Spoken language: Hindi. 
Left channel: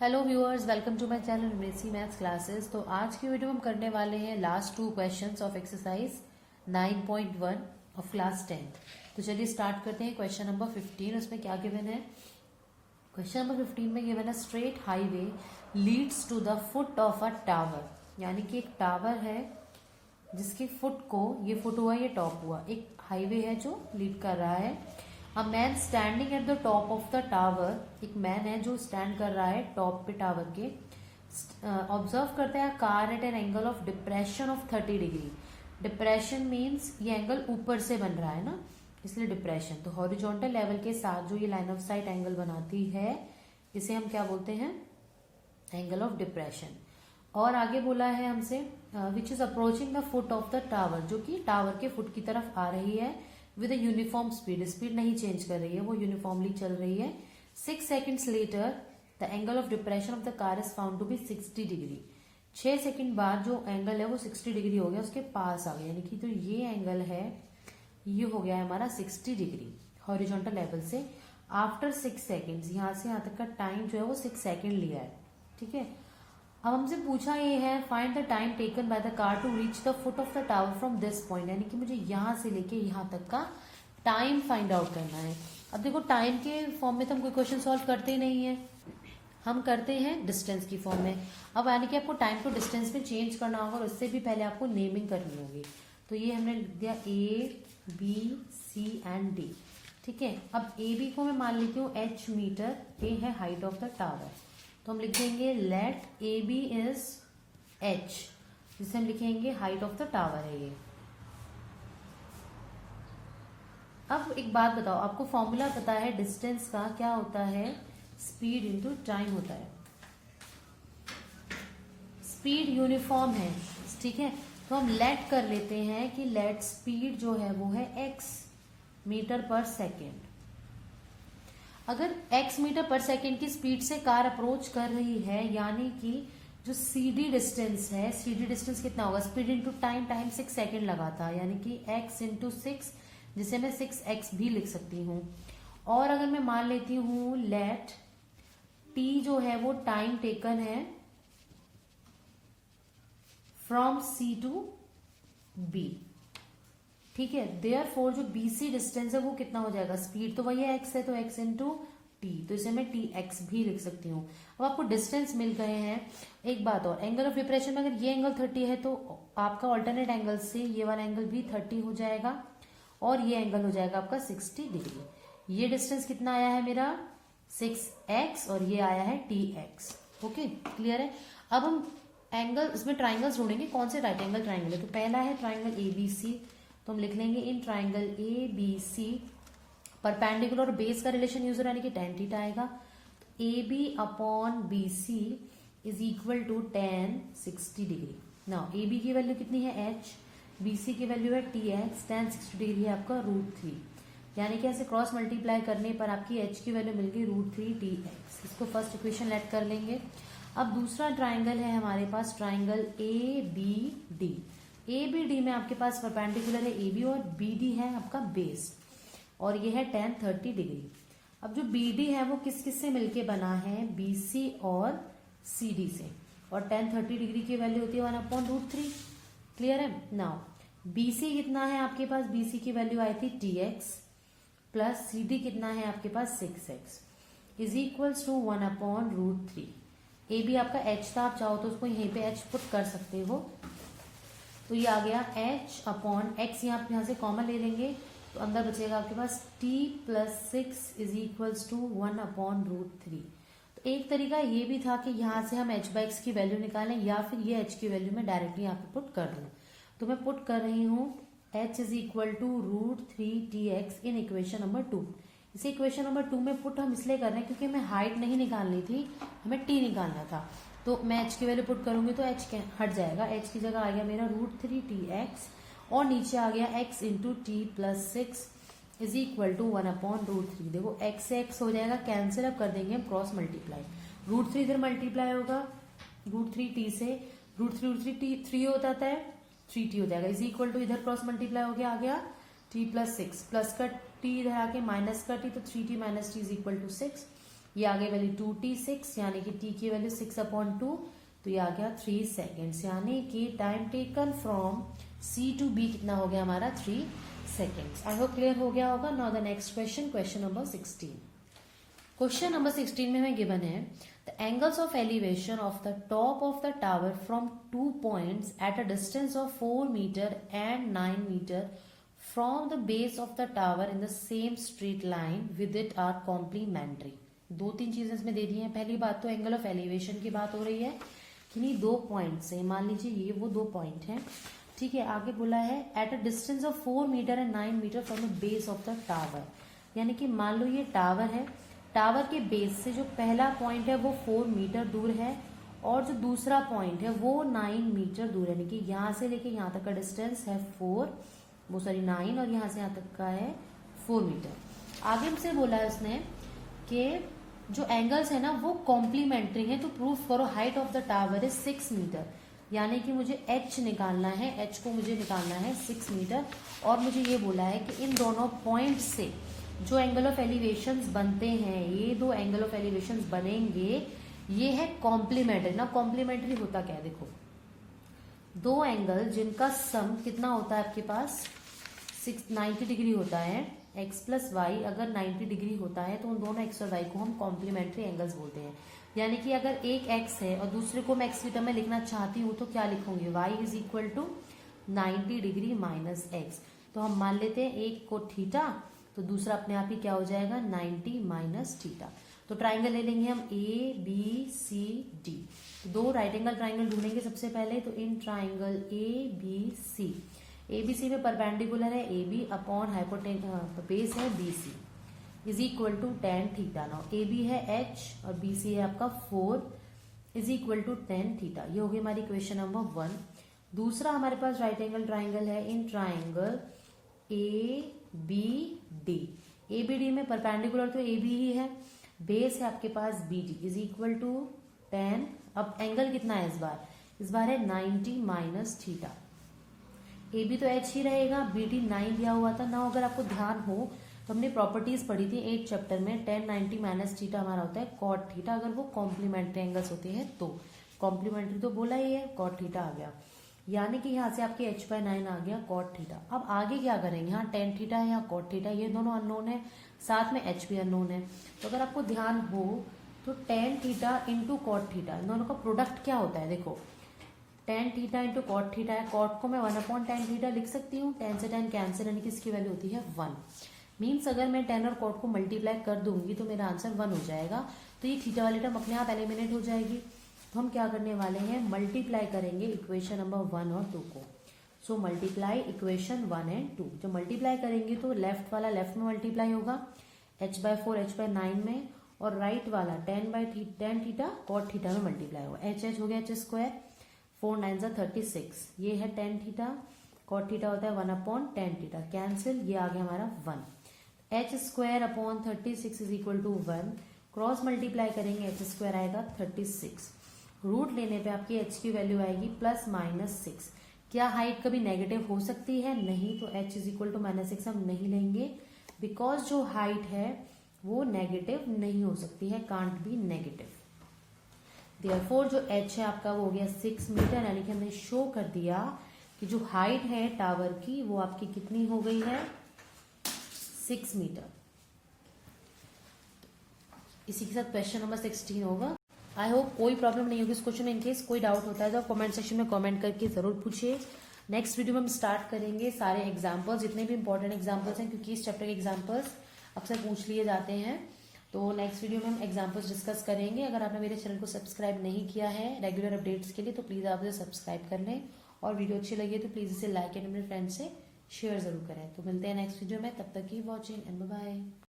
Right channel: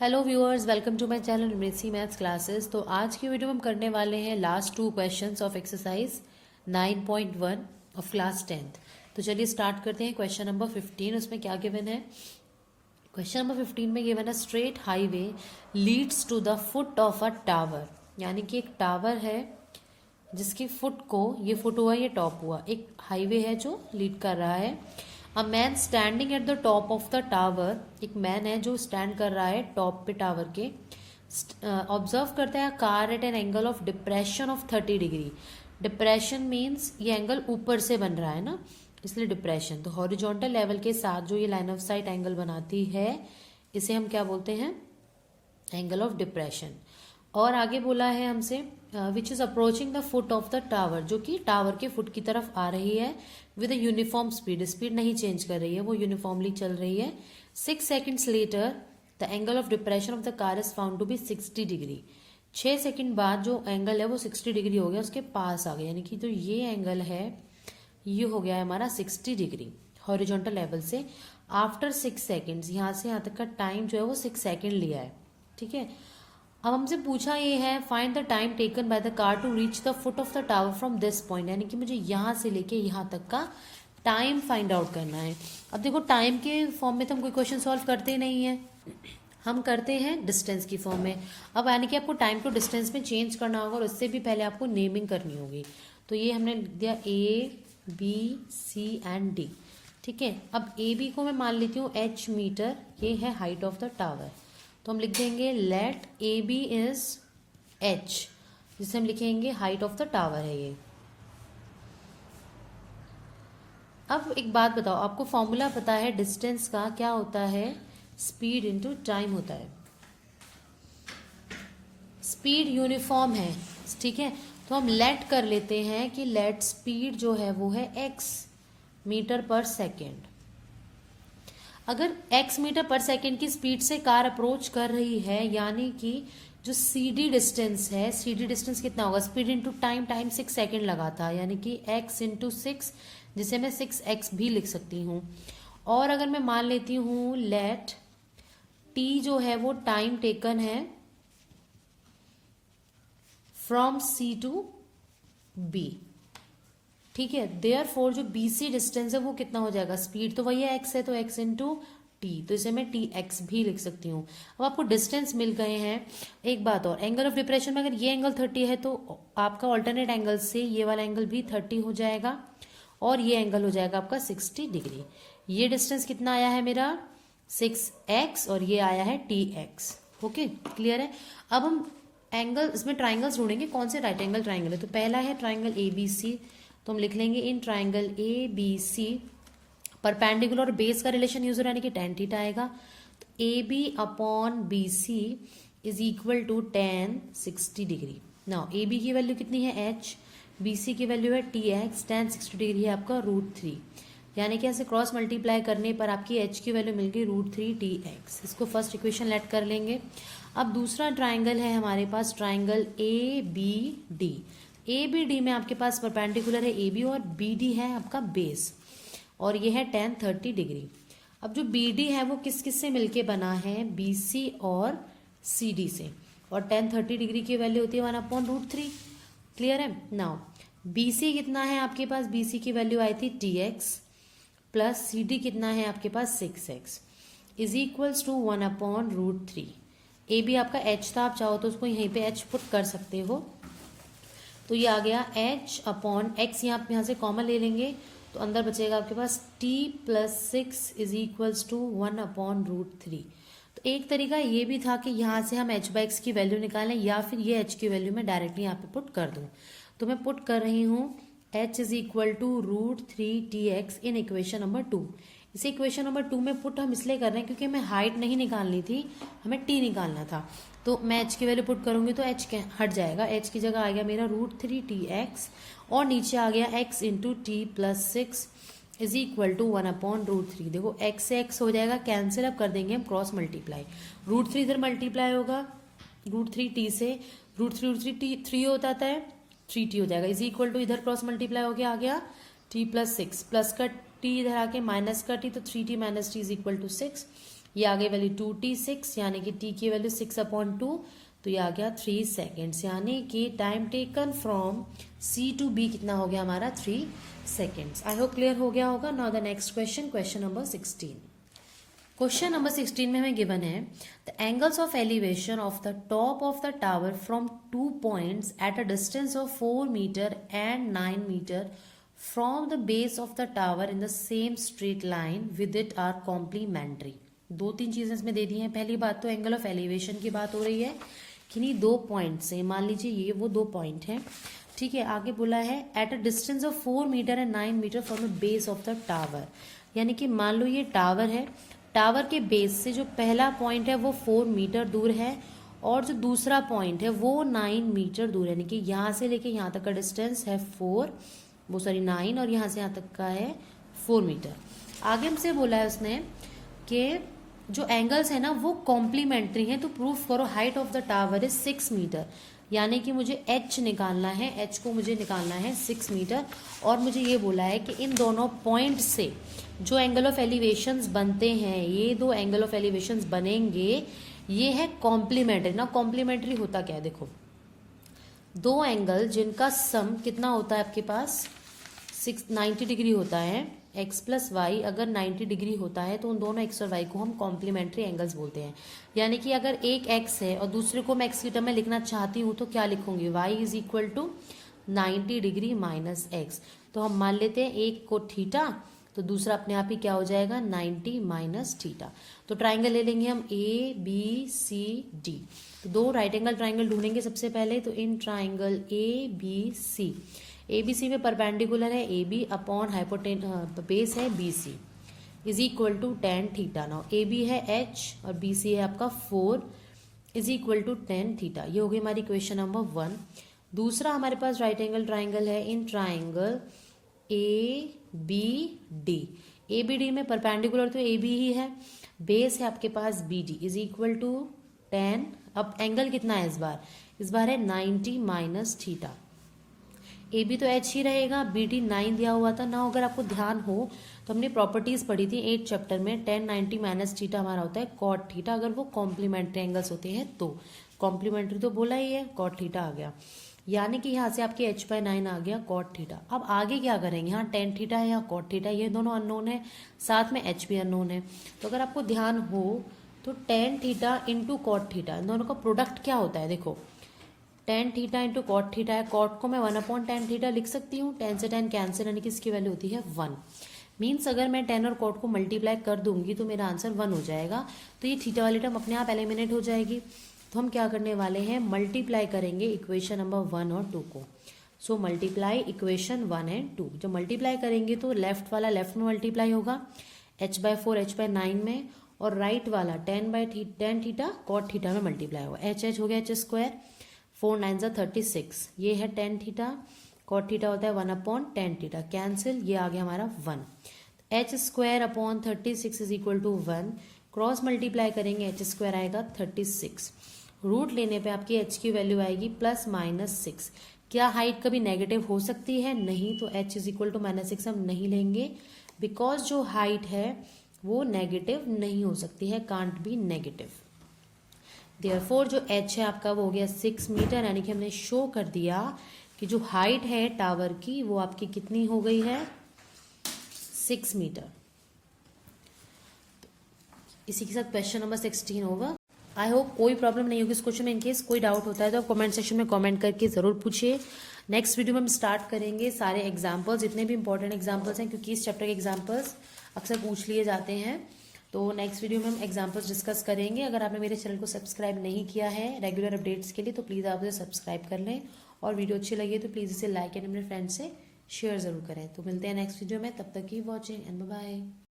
Hello viewers, welcome to my channel यूनिसी मैथ्स क्लासेस। तो आज की वीडियो में हम करने वाले हैं last 2 questions of exercise 9.1 of class 10th। तो चलिए स्टार्ट करते हैं। क्वेश्चन नंबर 15, उसमें क्या गिवन है? क्वेश्चन नंबर 15 में गिवन है straight highway leads to the foot of a tower. यानी कि एक टावर है जिसके फुट को, ये फुट हुआ ये टॉप हुआ, एक हाईवे है जो लीड कर रहा है। A man standing at the top of the tower, एक मैन है जो स्टैंड कर रहा है टॉप पे टावर के। ऑब्जर्व करते हैं car eight an angle of depression of 30 degree. Depression means ये एंगल ऊपर से बन रहा है ना, इसलिए डिप्रेशन। तो हॉरिजॉन्टल लेवल के साथ जो ये लाइन ऑफ साइट एंगल बनाती है इसे हम क्या बोलते हैं? Angle of depression. और आगे बोला है हमसे which is approaching the foot of the tower, जो कि टावर के फुट की तरफ आ रही है विद यूनिफॉर्म स्पीड। स्पीड नहीं चेंज कर रही है, वो यूनिफॉर्मली चल रही है। 6 seconds later the angle of depression of the car is found to be 60 degree. 6 second बाद जो एंगल है वो 60 डिग्री हो गया, उसके पास आ गया। यानी कि जो ये एंगल है ये हो गया है हमारा 60 डिग्री हॉरिजॉन्टल लेवल से। आफ्टर 6 seconds, यहाँ से यहाँ तक का टाइम जो है वो 6 सेकंड लिया है। ठीक है, अब हमसे पूछा ये है find the time taken by the car to reach the foot of the tower from this point. यानी कि मुझे यहाँ से लेके यहाँ तक का टाइम फाइंड आउट करना है। अब देखो, टाइम के फॉर्म में तो हम कोई क्वेश्चन सॉल्व करते नहीं है, हम करते हैं डिस्टेंस की फॉर्म में। अब यानी कि आपको टाइम को डिस्टेंस में चेंज करना होगा और उससे भी पहले आपको नेमिंग करनी होगी। तो ये हमने लिख दिया A, B, C and D। ठीक है, अब AB को मैं मान लेती हूँ H मीटर, ये है हाइट ऑफ द टावर। तो हम लिख देंगे let A B is H, जिसे हम लिखेंगे हाइट ऑफ द टावर है ये। अब एक बात बताओ, आपको फॉर्मूला पता है डिस्टेंस का? क्या होता है? स्पीड इनटू टाइम होता है। स्पीड यूनिफॉर्म है, ठीक है। तो हम लेट कर लेते हैं कि लेट स्पीड जो है वो है x मीटर पर सेकेंड। अगर x मीटर पर सेकेंड की स्पीड से कार अप्रोच कर रही है, यानी कि जो CD डिस्टेंस है, CD डिस्टेंस कितना होगा? Speed into time, time 6 second लगा था, यानी कि x इंटू 6, जिसे मैं 6x भी लिख सकती हूँ। और अगर मैं मान लेती हूँ लेट t जो है वो टाइम टेकन है फ्रॉम C टू B। ठीक है, देयरफॉर जो BC डिस्टेंस है वो कितना हो जाएगा? स्पीड तो वही है x है, तो x इंटू टी, तो इसे मैं TX भी लिख सकती हूँ। अब आपको डिस्टेंस मिल गए हैं। एक बात और, एंगल ऑफ डिप्रेशन में अगर ये एंगल 30 है तो आपका ऑल्टरनेट एंगल से ये वाला एंगल भी 30 हो जाएगा और ये एंगल हो जाएगा आपका 60 डिग्री। ये डिस्टेंस कितना आया है मेरा? 6x और ये आया है TX। ओके, क्लियर है। अब हम एंगल, इसमें ट्राइंगल्स ढूंढेंगे, कौन से राइट एंगल ट्राइंगल है। तो पहला है ट्राइंगल ABC, तो हम लिख लेंगे इन ट्राइंगल ABC परपेंडिकुलर और बेस का रिलेशन यूज हो रहा है, यानी कि tan थीटा आएगा। तो AB upon BC is equal to tan 60 degree. Now AB की वैल्यू कितनी है? H, BC की वैल्यू है TX, tan 60 डिग्री है आपका √3। यानी कि ऐसे क्रॉस मल्टीप्लाई करने पर आपकी H की वैल्यू मिल गई √3 TX। इसको फर्स्ट इक्वेशन लेट कर लेंगे। अब दूसरा ट्राइंगल है हमारे पास, ट्राइंगल ABD। ABD में आपके पास परपेंडिकुलर है AB और BD है आपका बेस, और ये है tan 30 डिग्री। अब जो BD है वो किस किस से मिलके बना है? BC और CD से, और tan 30 डिग्री की वैल्यू होती है 1/√3। क्लियर है। नाउ BC कितना है आपके पास? BC की वैल्यू आई थी TX प्लस CD कितना है आपके पास? 6x is equals to 1/√3। AB आपका H था, आप चाहो तो उसको यहीं पे H पुट कर सकते हो। तो ये आ गया H अपॉन X, यहाँ से कॉमन ले लेंगे तो अंदर बचेगा आपके पास T plus 6 is equals to 1/√3। तो एक तरीका ये भी था कि यहाँ से हम H/X की वैल्यू निकालें, या फिर ये H की वैल्यू मैं डायरेक्टली यहाँ पे पुट कर दूँ। तो मैं पुट कर रही हूँ H is equal to √3 TX in equation number 2। इसे इक्वेशन नंबर 2 में पुट हम इसलिए कर रहे हैं क्योंकि हमें हाइट नहीं निकालनी थी, हमें T निकालना था। तो मैं H की वैल्यू पुट करूंगी तो H हट जाएगा, H की जगह आ गया मेरा √3 TX और नीचे आ गया X into T plus 6 is equal to 1/√3। देखो X से X हो जाएगा कैंसिल, अब कर देंगे हम क्रॉस मल्टीप्लाई। √3 इधर मल्टीप्लाई होगा √3 T से, √3 T 3 होता है 3T हो जाएगा, इज इक्वल टू इधर क्रॉस मल्टीप्लाई हो गया, आ गया T प्लस 6, प्लस का T इधर आके माइनस का T, तो 3T minus T is equal to 6 ये आ गई वैल्यू 2t6 यानी कि t की वैल्यू 6/2, तो ये आ गया 3 सेकेंड्स, यानी कि time taken from C to B कितना हो गया हमारा 3 सेकेंड्स। आई होप क्लियर हो गया होगा। Now the next question, question number 16। Question number 16 में हमें गिवन है the angles of elevation of the top of the tower from 2 points at a distance of 4 metre and 9 metre from the base of the tower in the same straight line with it are complementary. 2-3 चीजें इसमें दे दी हैं। पहली बात तो एंगल ऑफ एलिवेशन की बात हो रही है कि नहीं 2 पॉइंट से, मान लीजिए ये वो 2 पॉइंट हैं, ठीक है। आगे बोला है at a distance of 4 metre and 9 metre from the base of the tower, यानी कि मान लो ये टावर है, टावर के बेस से जो पहला पॉइंट है वो 4 मीटर दूर है और जो दूसरा पॉइंट है वो 9 मीटर दूर है, यानी कि यहाँ से लेके यहाँ तक का डिस्टेंस है 9 और यहाँ से यहाँ तक का है 4 मीटर। आगे हमसे बोला है उसने कि जो एंगल्स है ना वो कॉम्प्लीमेंट्री है, तो प्रूफ करो height of the tower is 6 metre, यानी कि मुझे h निकालना है, h को मुझे निकालना है 6 मीटर। और मुझे ये बोला है कि इन दोनों पॉइंट से जो एंगल ऑफ एलिवेशंस बनते हैं, ये 2 एंगल ऑफ एलिवेशंस बनेंगे, ये है कॉम्प्लीमेंट्री ना। कॉम्प्लीमेंट्री होता क्या है, देखो 2 एंगल जिनका सम कितना होता है आपके पास 90 डिग्री होता है, x प्लस वाई अगर 90 डिग्री होता है तो उन दोनों x और y को हम कॉम्प्लीमेंट्री एंगल्स बोलते हैं। यानी कि अगर एक x है और दूसरे को मैं x की टर्म में लिखना चाहती हूँ तो क्या लिखूंगी, y is equal to 90 degree minus x. तो हम मान लेते हैं एक को थीटा तो दूसरा अपने आप ही क्या हो जाएगा 90 माइनस थीटा। तो ट्राइंगल ले लेंगे हम ABCD, तो 2 राइट एंगल ट्राइंगल ढूंढेंगे सबसे पहले। तो इन ट्राइंगल ABC में परपेंडिकुलर है AB अपॉन हाइपोटेन बेस है BC is equal to tan theta. Now AB है H और BC है आपका 4 is equal to tan theta. ये हो गई हमारी क्वेश्चन नंबर 1। दूसरा हमारे पास राइट एंगल ट्राइंगल है इन ट्राइंगल ABD में परपेंडिकुलर तो AB ही है, बेस है आपके पास BD is equal to tan। अब एंगल कितना है इस बार है 90 माइनस थीटा। AB तो H ही रहेगा, BD 9 दिया हुआ था ना। अगर आपको ध्यान हो तो हमने प्रॉपर्टीज पढ़ी थी 8 चैप्टर में, tan 90 माइनस थीटा हमारा होता है cot थीटा अगर वो कॉम्प्लीमेंट्री एंगल्स होते हैं तो। कॉम्प्लीमेंट्री तो बोला ही है, cot थीटा आ गया, यानी कि यहाँ से आपके h/9 आ गया cot थीटा। अब आगे क्या करेंगे, यहाँ tan थीटा है या cot थीटा, ये दोनों अननोन है, साथ में h भी अननोन है। तो अगर आपको ध्यान हो तो tan theta into cot theta, इन दोनों का प्रोडक्ट क्या होता है, देखो tan theta into cot theta है। कॉट को मैं 1/tan थीटा लिख सकती हूँ, tan से tan कैंसिल, यानी कि इसकी वैल्यू होती है 1। मीन्स अगर मैं tan और कॉट को मल्टीप्लाई कर दूंगी तो मेरा आंसर 1 हो जाएगा। तो ये थीटा वाली टर्म अपने आप एलिमिनेट हो जाएगी। तो हम क्या करने वाले हैं, मल्टीप्लाई करेंगे इक्वेशन नंबर 1 और 2 को। So multiply equation 1 and 2। जब मल्टीप्लाई करेंगे तो लेफ्ट वाला लेफ्ट में मल्टीप्लाई होगा h/4 h/9 में, और राइट वाला tan थीटा कॉट थीटा में मल्टीप्लाई होगा। h हो गया h², 4 9 36, ये है tan थीटा, cot थीटा होता है 1/tan थीटा, कैंसिल, ये आ गया हमारा 1। h² upon 36 is equal to 1, cross multiply करेंगे h² आएगा 36, रूट लेने पे आपकी h की वैल्यू आएगी +-6। क्या हाइट कभी नेगेटिव हो सकती है, नहीं, तो h इज इक्वल टू -6 हम नहीं लेंगे, बिकॉज जो हाइट है वो नेगेटिव नहीं हो सकती है, कांट बी नेगेटिव। देयरफॉर जो h है आपका वो हो गया 6 मीटर, यानी कि हमने शो कर दिया कि जो हाइट है टावर की वो आपकी कितनी हो गई है 6 मीटर। इसी के साथ क्वेश्चन नंबर 16 होगा। आई होप कोई प्रॉब्लम नहीं होगी इस क्वेश्चन में। इनकेस कोई डाउट होता है तो कमेंट सेक्शन में कमेंट करके जरूर पूछिए। नेक्स्ट वीडियो में हम स्टार्ट करेंगे सारे एग्जाम्पल्स, जितने भी इंपॉर्टेंट एग्जाम्पल्स हैं, क्योंकि इस चैप्टर के एग्जाम्पल्स अक्सर पूछ लिए जाते हैं। तो नेक्स्ट वीडियो में हम एग्जाम्पल्स डिस्कस करेंगे। अगर आपने मेरे चैनल को सब्सक्राइब नहीं किया है रेगुलर अपडेट्स के लिए तो प्लीज़ आप उसे सब्सक्राइब कर लें, और वीडियो अच्छी लगी तो प्लीज़ इसे लाइक एंड अपने फ्रेंड्स से शेयर जरूर करें। तो मिलते हैं नेक्स्ट वीडियो में, तब तक की वॉचिंग एंड बाय।